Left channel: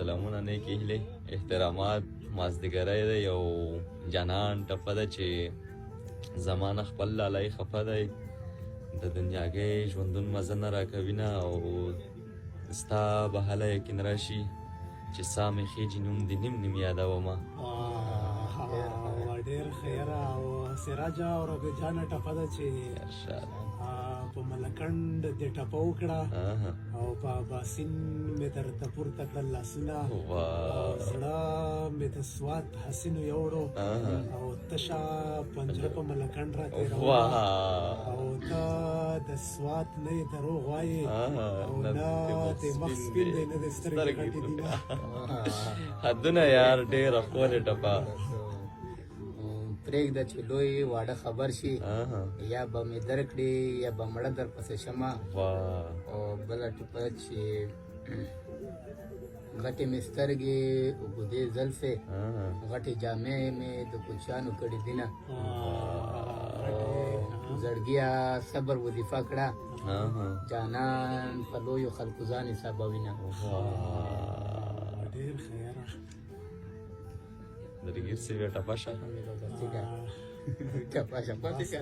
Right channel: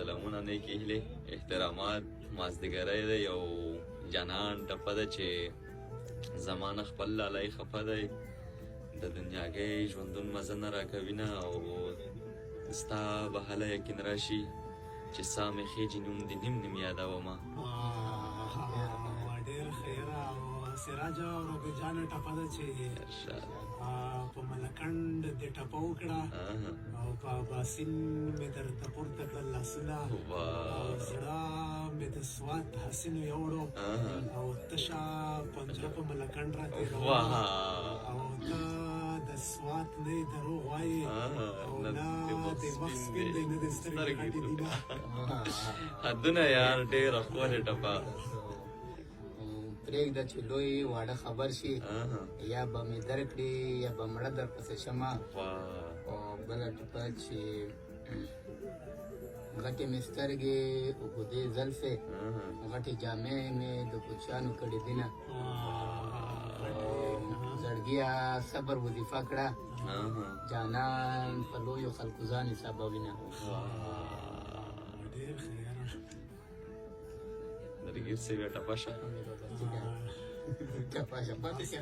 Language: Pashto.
سلامونه نیکې هیلې احترامات مازدیګری دی یو جانان ټپه ده چې زمانه خپل لالی خفه دی د دنیاګۍ ژوندون مزه نه راکوینه او ستا به هله یقین راشي چې سا مې خېجي نوم دې نیم نیم یادومه ډېر خیره او سراجه او ربي جانه ټپه ده چې په ملکنډ دې ټپه وکړه او په باسین مې درته پورته کړل لاسونه او زړه مې د سوات حسینو یوړو او تشه پنجره په ملکنډ را تېرومه او ته د سوات نه یې دروغ وایې او نه د مخ سپین دی نه د سترګې غټې دي نه حدونه یار ډېره ښکلې ټپه پرېږده چې لوی واړه خبر شي یا به مې درکړي یا به مړه در پسې شمه او بله ټپه چې غټې مې سترګې اوږدې زلفې غټې جامې مې د کوچیانو کړي دینه زړګیا صبر وظیفه کړه جانان په لویو خلکو ځان حسابوینه ډېر خیره درګیر سوي ټپه شه ټپه شه پاتې که